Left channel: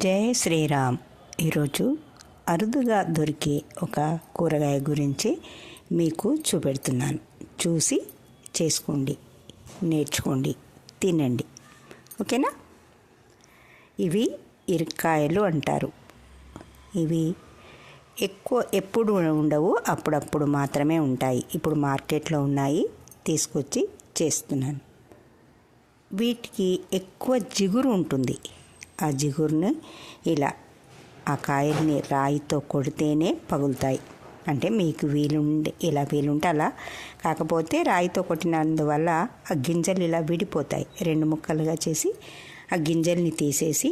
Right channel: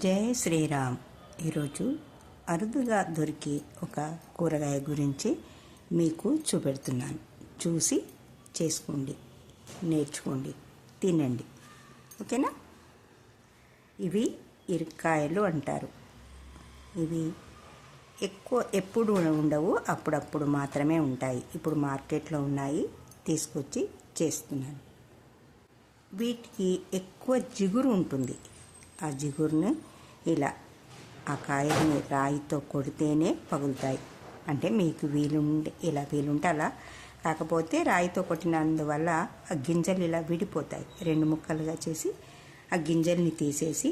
జై శ్రీరామ్. ఈరోజు అరుదుగా దొరికే ఒక కూరగాయ గురించి మీకు చూపెడుతున్నాను. చూసి చేసుకోండి, నేర్చుకోండి, తినండి. ఓకేనా? ఇవి ఇరక్కాయలు అంటారు. ఇవి ఎప్పుడు ఉండవు, అప్పుడప్పుడు మాత్రమే ఉంటాయి. ఇప్పుడు మార్కెట్లో ఉన్నాయి, తీసుకొచ్చి చేస్తున్నాను. వీటికి ఎక్కువ జిగురు ఉంటుంది. ఆ జిగురును ఇలా ఆ కాయల్ని రాయితో కొడితేనే పగులుతాయి. అంటే మీకు ఇలా వీలుంటే అలా, కాకపోతే రాయితో కొట్టినందువల్ల ఆ గింజలు ఇలా విడిపోతాయి. 2 ముక్కలుగా చేసి ఆ గింజల్ని తీసేసి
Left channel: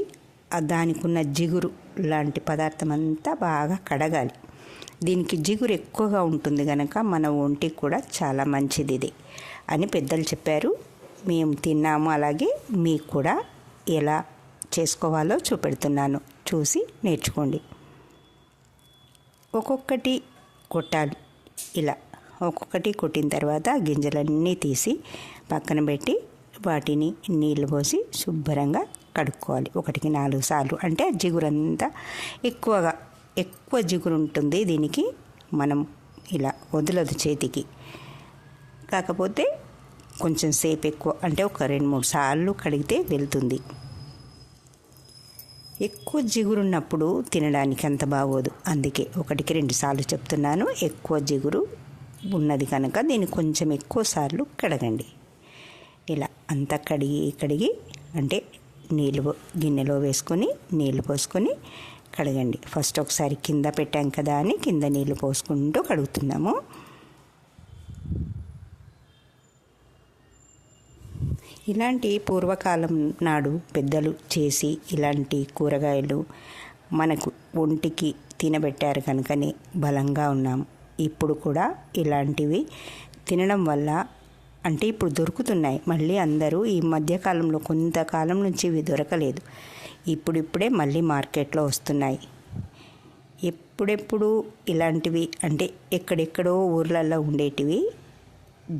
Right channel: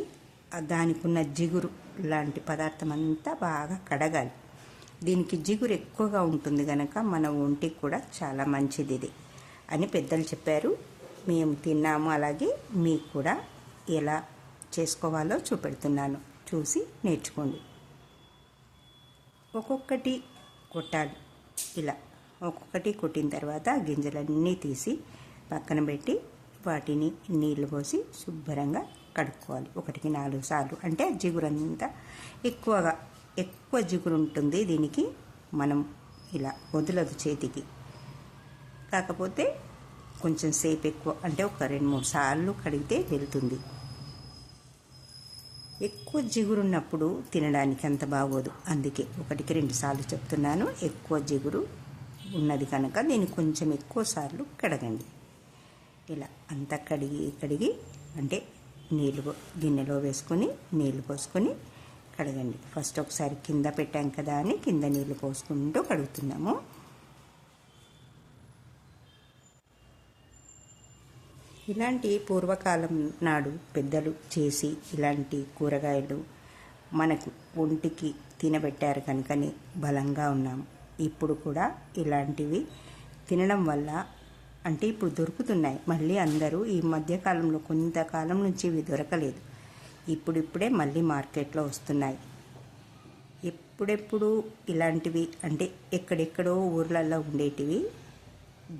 దానికి ఉన్న జిగురు లాంటి పదార్థం అంతా బాగా కడగాలి. దీనికి జిగురు ఎక్కువగా ఉంటుంది కనుక మన ఒంటికి కూడా చాలా మంచిది ఇది అని పెద్దలు చెప్పారు. మేము తిన్నాము. అలాగే మీకు కూడా ఎలా చేసుకోవాలో చూపెడుతున్నాను. చూసి నేర్చుకోండి. ఒక్కొక్కటి కొట్టాలి. ఇలా ఒక్కొక్కటి కొట్టిన తర్వాత గింజలన్నీ తీసి పక్కన పెట్టి వాటిని నీళ్లు పోసి శుభ్రంగా కడుక్కోవాలి. 1-4 సార్లు. అంటే జిగురంతా ఎక్కువ జిగురు ఉంటుంది దీనికి. మనం ఇలా వదలదు చేతికి. కాకపోతే కొంచెం సేపు ఎక్కువ, అంటే ఒక 2-3 సార్లు కడిగితే వెళ్తుంది. ఎక్కువ జిగురున్నప్పుడు తినడానికి అంత బాగోదు. అందుకే 1-2 సార్లు చెప్తున్నాను. ఎక్కువ జిగురు ఉన్నది కనుక దీన్ని కొంచెం ఎక్కువ సార్లు కడగండి. ఇలా అంతా కడిగి అంటే గిన్నెలో వేసుకొని నీళ్లు పోసుకొని కడగండి. ఫస్ట్ ఒకసారి కింద పెట్టాం కదా అని కింద నీళ్లు పోసుకుంటూ కడుగుతున్నాము. ఇలాంటి పూర్వకాలం నాడు పెద్దలు చేసి ఇలాంటి కూరగాయలు మనకు ఒంటికి తినబెట్టారు కనుకనే బలంగా ఉన్నాం. ఇప్పుడు కూడా ఇలాంటివి తినడం వల్ల, అంటే ఇప్పుడు దొరుకుతున్నాయి మళ్ళీ. అందరూ ఈ మధ్యకాలంలో కొంతకాలం నుంచి ఇవి దొరకలేదు. ఇప్పుడిప్పుడే మళ్ళీ మార్కెట్లో వస్తున్నాయి. ఎప్పుడెప్పుడు ఇలాంటివి అంటే ఎక్కడెక్కడో ఊర్లలో ఉండేటివి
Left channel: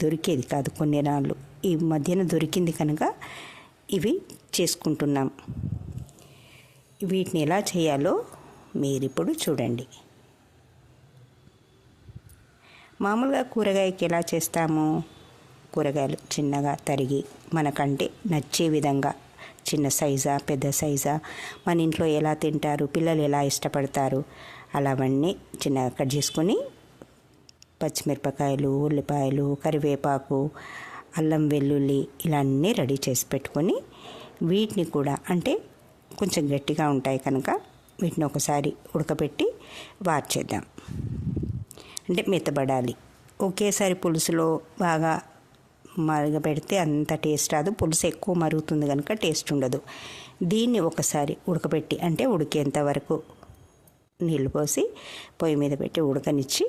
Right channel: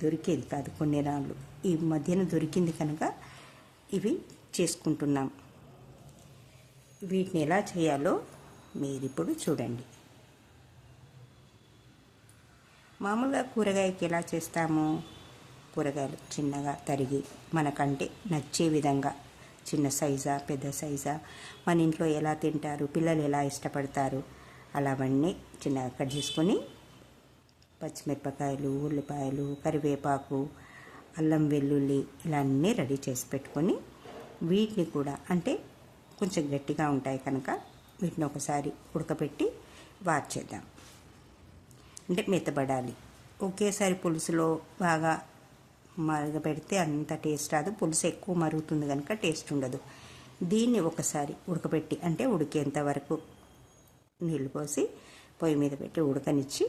దొరికేది కాదు కొన్ని నాళ్ళు. ఈ మధ్యన దొరికింది కనుక ఇవి చేసుకుంటున్నాం. వీటిని ఎలా చేయాలో మీరిప్పుడు చూడండి. మామూలుగా కూరగాయకి ఎలా చేస్తాము? కూరగాయలు చిన్నగా తరిగి మనకంటే నచ్చే విధంగా, చిన్న సైజా పెద్ద సైజా, మన ఇంట్లో ఎలా తింటారు, పిల్లలు ఎలా ఇష్టపడతారు అలావన్నీ చిన్నగా కట్ చేసుకొని పచ్చిమిరపకాయలు, ఉల్లిపాయలు, కరివేపాకు, అల్లం వెల్లుల్లి ఇలా అన్నీ రెడీ చేసి పెట్టుకొని వీటిని కూడా, అంటే కొంచెం గట్టిగా ఉంటాయి కనుక వీటిని ఒకసారి ఉడకబెట్టి వార్చేద్దాం. అంటే మెత్తబడాలి. ఒకేసారి పులుసులో బాగా మరగబెడితే అంత టేస్ట్ రాదు. పులుసు ఎక్కువ మరుగుతుంది కనుక టేస్ట్ ఉండదు. దీన్ని ఒకసారి ఉడకబెట్టి, అంటే ఉడికేంత వరకు నీళ్ళు పోసి పొయ్యి మీద పెట్టి ఉడకనిచ్చి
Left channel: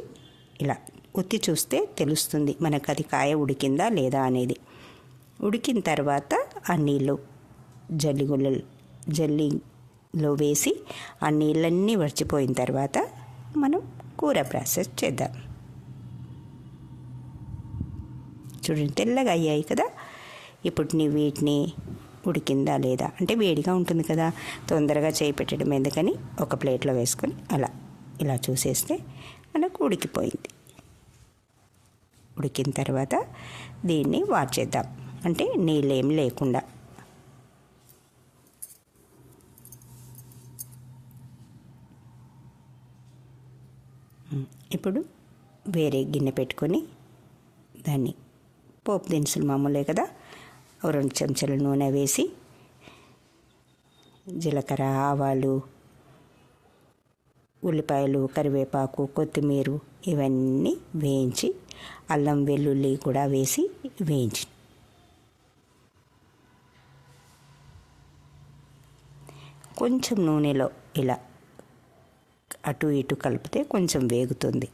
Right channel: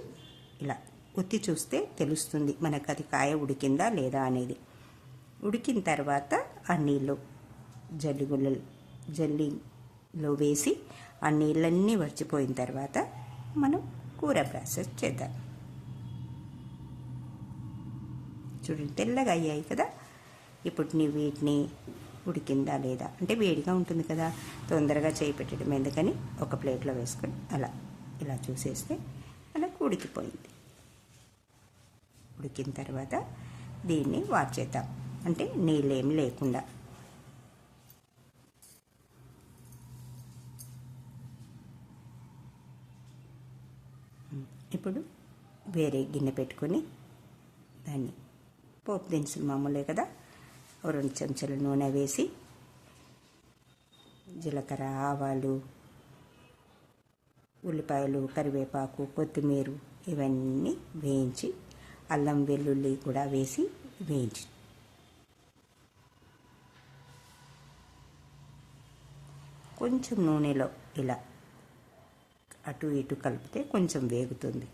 ఇలా ఉత్తి చూస్తే తెలుస్తుంది మనకు అది కాయ ఉడికిందా లేదా అనేది. ఉడికిన తర్వాత ఆ నీళ్ళు జల్లిలో వేసి ఆ నీళ్ళన్నీ వడిచిపోయిన తర్వాత మనం కూర ప్రాసెస్ చేద్దాం. చూడండి, తెల్లగా అయ్యాయి కదా. ఇప్పుడు వీటిని ఉడికిందా లేదా, అంటే వేడిగా ఉంటుంది కదా, తొందరగా చేయి పెట్టడం ఎందుకని ఒక ప్లేట్లో వేసుకొని ఇలా చూసేస్తే మనకు ఉడికిపోయింది. ఉడికిన తర్వాత దీన్ని వార్చేద్దాం, అంటే నీళ్ళేం లేకుండా. ఇప్పుడు వేరే గిన్నె పెట్టుకొని దాన్ని పోపు దినుసులు మామూలే కదా, 2 చెంచాల నూనె వేసి జీలకర్ర, ఆవాలు, ఉల్లిపాయలు, కరివేపాకు, కొత్తిమీర ఇవన్నీ వేయించి, అల్లం వెల్లుల్లి కూడా వేసి వేయించి కొంచెం నూనెలో ఇలా అటు ఇటు కలిపితే కొంచెం వేగుతుంది.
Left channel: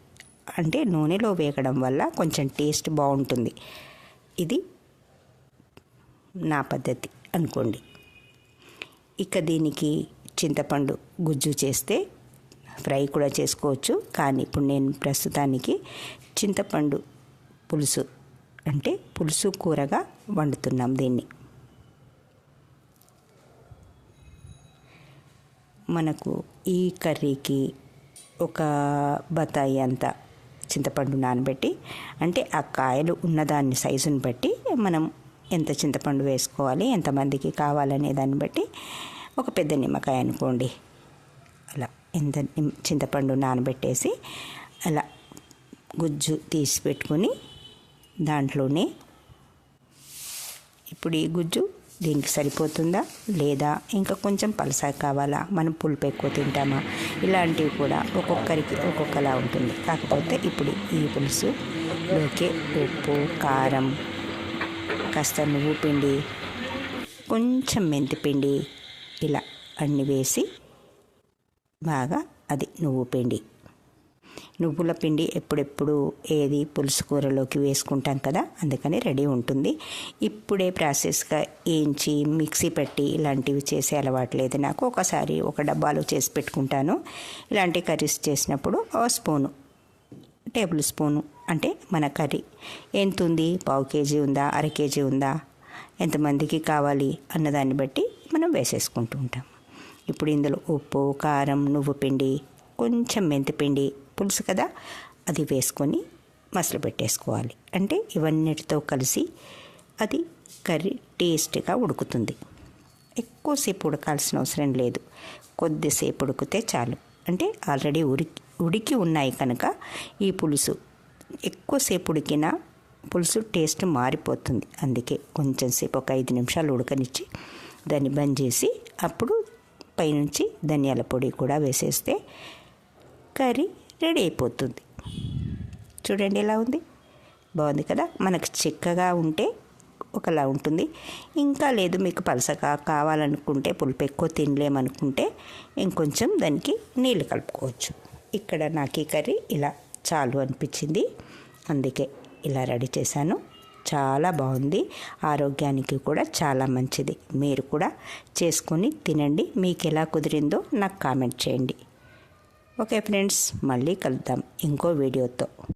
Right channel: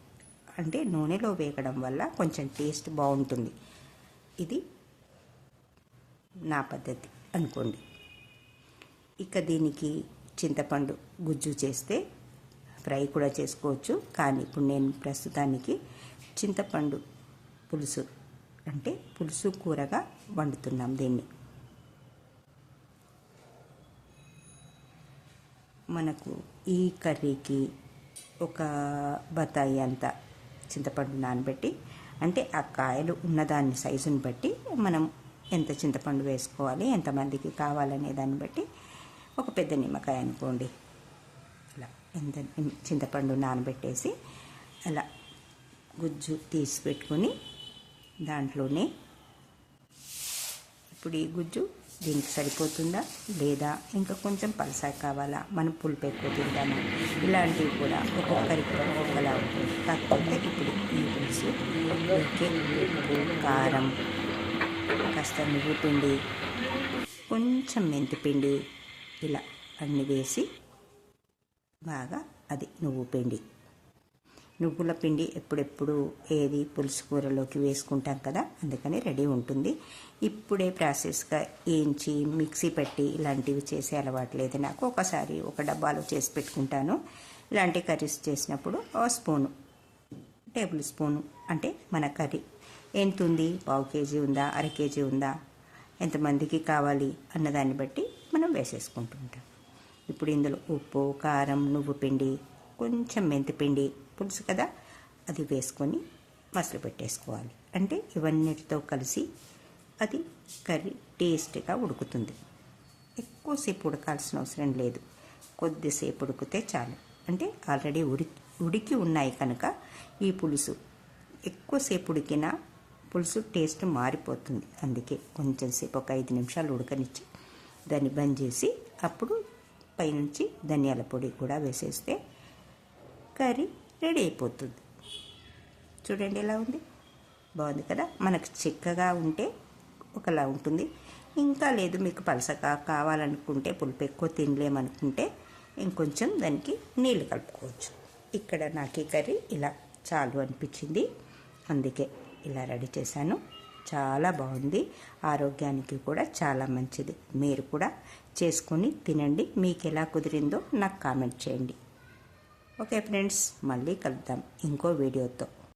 అంటే నూనెలో వేగడం వల్ల కొంచెం టేస్ట్ బాగుంటుంది. ఇది నా పద్ధతి అనుకోండి. ఇక దీనికి చింతపండు గుజ్జు చేస్తే ఫ్రై కూడా చేసుకోవచ్చు. కానీ ఇప్పుడు నేను ప్రస్తుతానికి చింతపండు పులుసు, అంటే పులుసు కూరగా వండుతున్నాం దీన్ని. మనకు ఈ కర్రీకి ఒక బత్తాయి అంత చింతపండు నానబెట్టి, అంటే ఆ కాయలు ఉన్నదాన్ని సైజుని బట్టి మనం ఎంత చింతపండు వేసుకోవాలి, ఎంతమందికి కావాలనే దాన్ని బట్టి ఒక పెద్ద నిమ్మకాయ అనుకోండి, అలా ఎంత చింతపండు నానబెట్టేసి అలా గుజ్జు తీసి పెట్టుకొని దాంట్లోనే ఇప్పుడు ఈ గుజ్జు దీనికి సరిపోతుందా లేదా ఇంకా కొంచెం పలసగా కావాలా, మనం పులుపు ఎక్కువ తింటామా, ఇలాంటివి కూడా ఒక్కొక్కరికి ఒక్కొక్కలా ఉంటుంది. కాకపోతే ఇప్పుడు ఈ పులుసు ఓకే, ఉప్పు కారం, కాస్త నువ్వు పిండి, కొంచెం మెంతిపిండి, ఇలా అన్నీ వేసి బాగా అది నువ్వుల పిండి ఎప్పుడెప్పుడు ఏది పులుసు కూరలోకి వేసుకుంటాం కదా, అందుకని రెడీ ఉంటుంది. ఇప్పుడే ప్రాసెస్గా ఏంచి మిక్సీ పెట్టి ఇలాంటివి చేసే అలవాటు లేదు నాకు. ఒకసారి ఒక డబ్బాలో చేసి పెట్టుకుంటాను. ఇలాంటి కర్రీస్ చేసినప్పుడు టేబుల్ స్పూను అంటే మన కర్రీ ఎంత ఉంది, పావు కేజీ ఉందా, అర కేజీ ఉందా, ఎంతమందికి కావాలి అన్నదాన్ని బట్టి మనం వేసేసుకుంటూ ఉంటాం. ఇప్పుడు ఇందులో ఉప్పు కారం నువ్వు పిండి కొంచెం మెంతిపిండి, పులుసు కదా అది వేసుకొని మసలు పెట్టేసుకోవాలి. అంటే ఇవన్నిటితో కలిసి అది కర్రీ టేస్ట్గా ఉడుకుతుంది. ఎక్కువసేపు ఉడకాల్సిన అవసరం లేదు, కొద్దిసేపు ఉడికితే చాలు. అంటే ఆల్రెడీ ఉడికి ఉన్నాయి కనుక ఈ పులుసు ఎక్కువసేపు ఉడికినా పులుసు టేస్ట్ మారిపోతుంది. అందుకే కొంచెం సేపు ఒక 5 నిమిషాలు ఉడకనిచ్చి దాన్ని బంద్ చేసి అప్పుడు పైనుంచి ధనియాల పొడి కూడా వేసేస్తే కర్రీ రెడీ అయిపోతుంది. చూడండి ఎలా ఉంది, బాగుంది కదా. మనకు చిక్కగా ఉంటే ఒకలా ఉంటుంది, ఇంకా లేదు మీకు పలసగా కావాలనుకుంటే, పులుపు ఎక్కువ తినలేమనుకుంటే ఇంకొంచెం దానికి నీళ్ళు కలుపుకోవచ్చు. ఇక్కడ నాకు ఈ కర్రీ ఇలా చాలు అనిపించింది, అందుకే ఇలా రెడీ చేశాను. చాలా బాగుంది, ఆరోగ్యానికి కూడా చాలా మంచిది. మీరు కూడా చేసుకొని తినండి. మీకు ఎలా కుదిరిందో నాకు కామెంట్ చేయండి. ఓకే ఫ్రెండ్స్, మళ్ళీ కలుద్దాం ఇంకో వీడియోతో.